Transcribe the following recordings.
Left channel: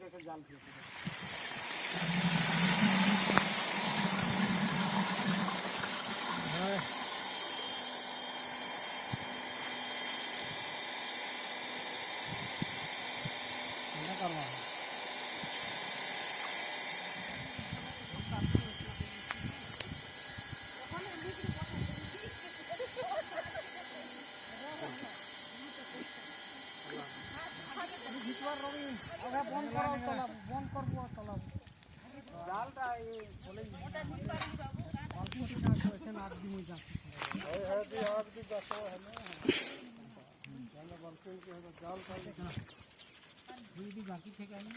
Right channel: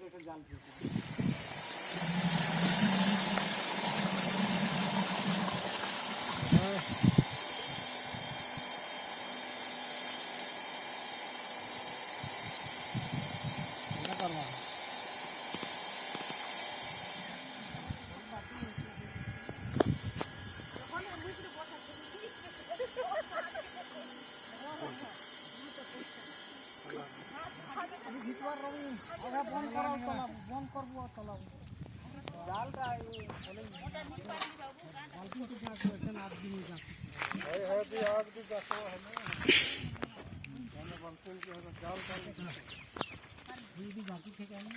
একটা জাল বন্ধ করবো চালাবো জালটা জাতি থেকে আনি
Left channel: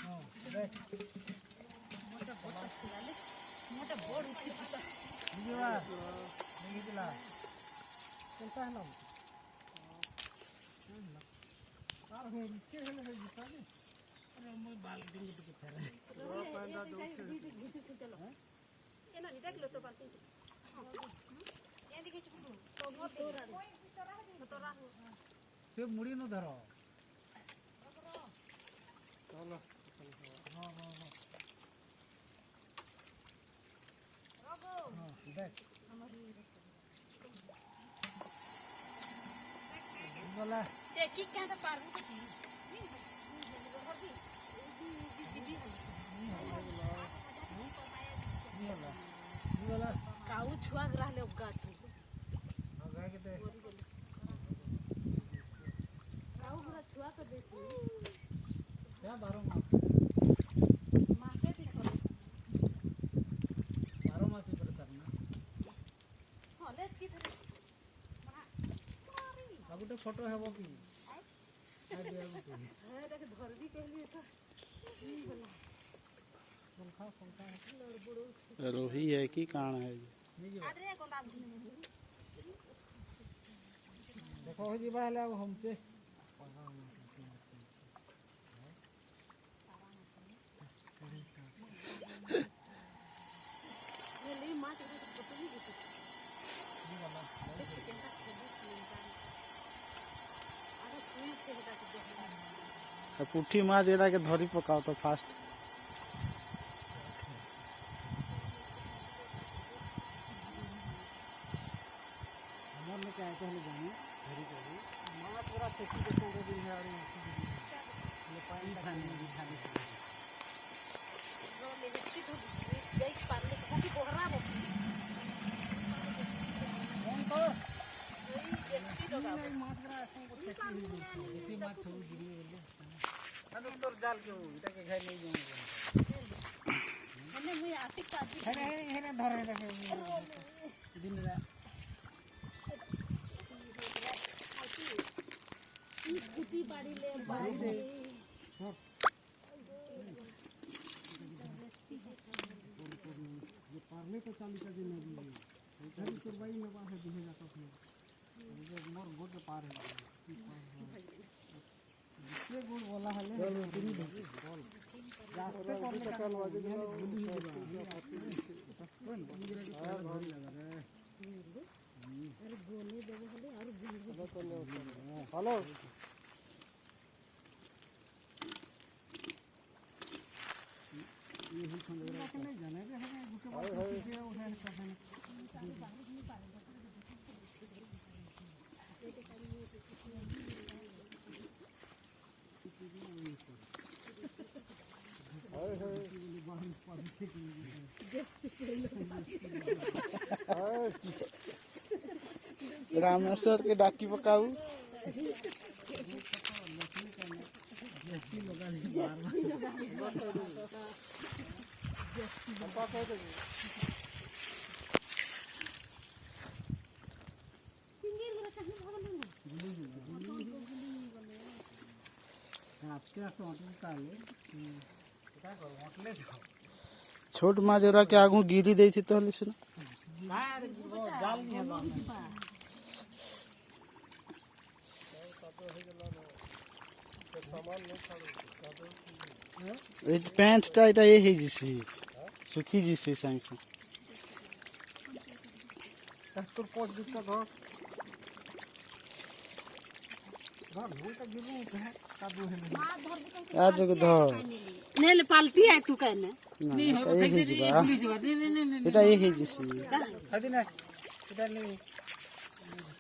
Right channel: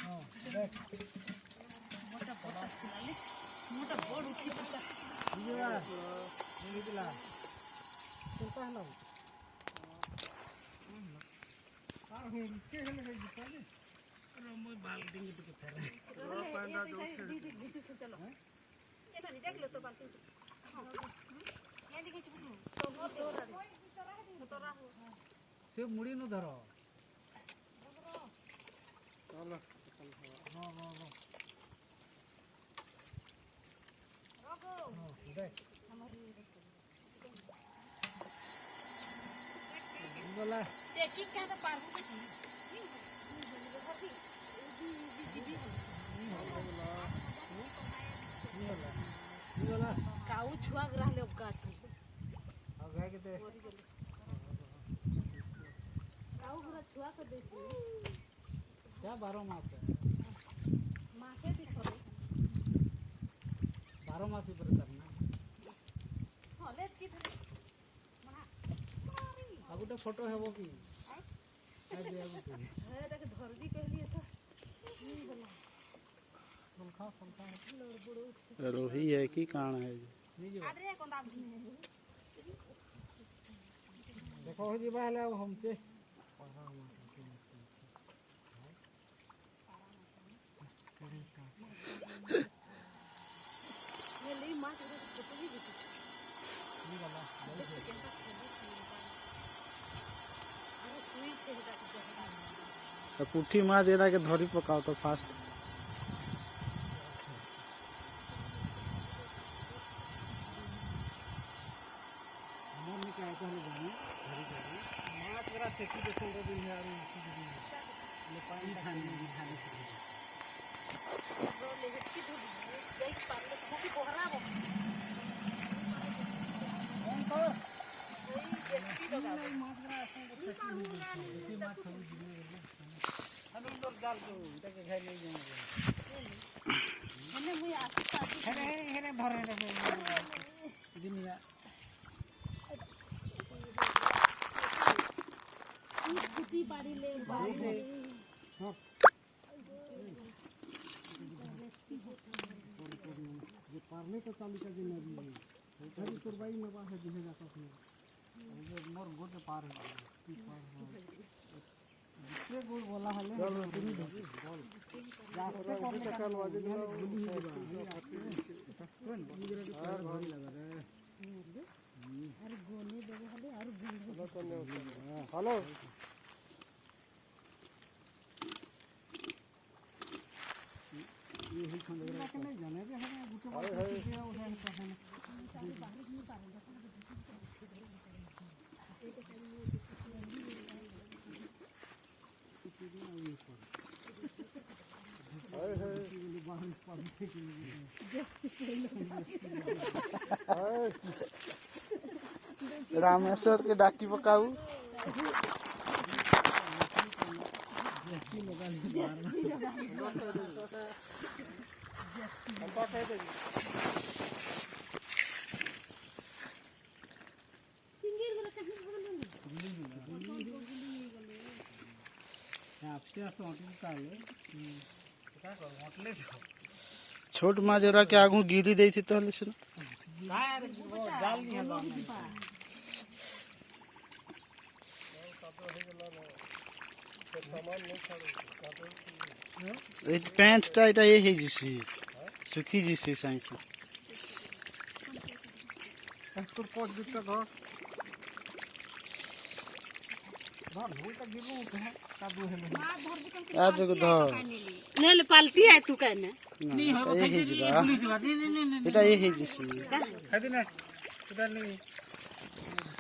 ସେ ମୁড়ି ନ ଧର काऊ छुआ रहले गाछ काऊ पूरा छुआ के देसी क्या 12 मास माके दिखले 12 मास इधर करना हले की धरे मना मारी अब तो फोटो है वो की हे देख धरबी कहली तो बोला रोही है कि कान है अरे कोन दाम देखो हो जीवा हला हमसे ये ले मां के फोटो भी दिखी ये वाला अरे सुई से हटा के तो पुठी माछ एरा के धरी पकाओ तो फास्ट हमर में क्या कहले जाने धरी करी माछ पूरा खेती के छोड़ दिन है और आसी दिन ले पानी खाने रो ले की धोली गई पाले काफी कोहरा बो कौन तो कोई जेसी लगा माछ पूरा खेती माछ छोड़ दिन में हम तो जाल के इटा के घर ले जाऊंगा मैंने मुई आसी पाजी हेरे धरे देखे दिन में कुटी बाड़ी ले बाड़ी हां ये पारले का चालू कर देना भी है धरी तुरबाई में बाहर दिखे जाता है ये मोर गोटे पार है जिससे गोल बोला हले चलो तुम बोल जाते कौन का यहाँ गुली ही दिवा कौन मुझे तो पहले भरी लगा रे अरे गोली देबो हले और गुली हेलो ये ही खंड लगा के नहीं जाने रे हमें गुटे बार पीछे उठा है तो है बाहर नहीं पाएंगे रामेश्वर के डाकी पकाऊ छोट माछ एरा के आगू गिरी दै थी तो से जाल नहीं है पैंट टाइट ये है जिसी सुखी जिसी साइंस तो पोट दिक्कत हो आ देखो धर नेल पालती है तू कहने ना ये हे जिबा एटा ये हे जिसी खादे ना एटा नहीं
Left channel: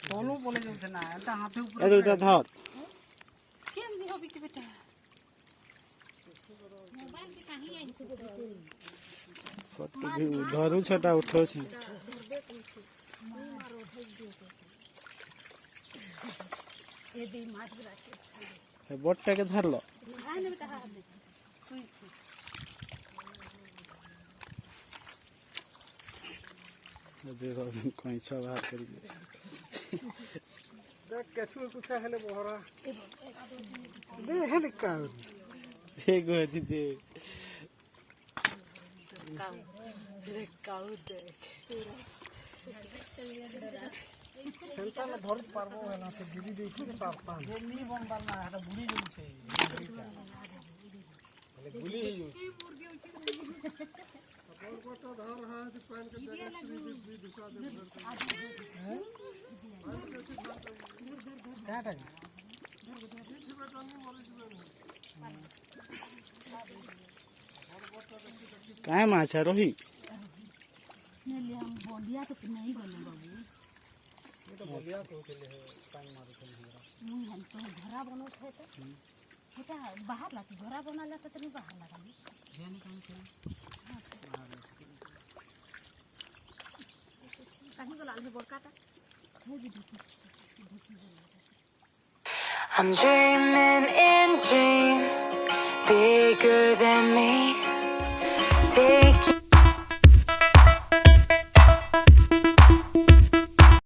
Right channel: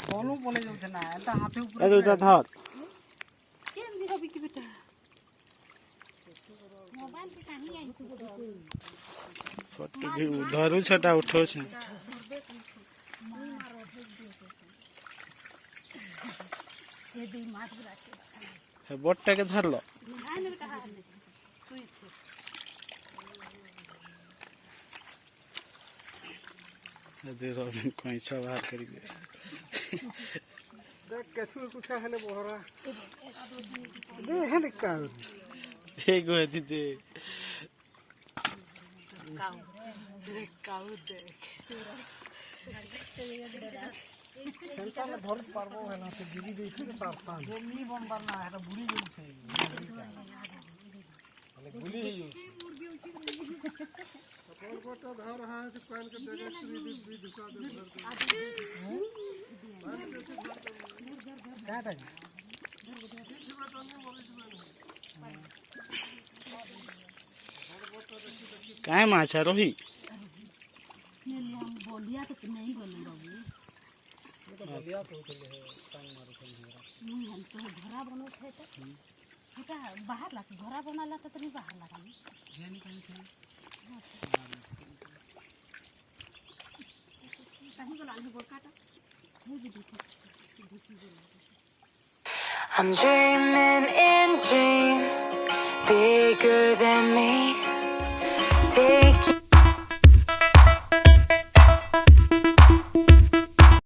बोलू बोले जो ना एटा हाथे ऊपर एटा धर केन भी हबी के बेटा मोबाइल के कहीं आई से फोटो भी धरू छटा उठो छे ये दी मार बुलाते हे बोटटा के धरलो आने बेटा हां सुई थी दे रोबिन कोई बाहर करी दे देख केथु कुछ हेले बहरा दे हने का देखो है दीदी काऊ दे संता में धर पारबो है ना तो गिरी दे के पारता गोमी बन बरना है तो बुड़ी जो छे हले गुली ही जो तो धर रहा है तो काल के जगह दिशा दे क्या था काय माछा रोही नेली हम बोलिया तो नहीं बोलू बाबू ये तो बोलिया तो चले है टांग मारो तो हमरा मुई हम तो घरा बनो थे तो छोटा बाहर लाती घरा बना ला तो नहीं बाहर लगा जानी कहीं से कहीं को लाल बोल काटा है जी देखी I'm dreaming in dreams bigger than me. Take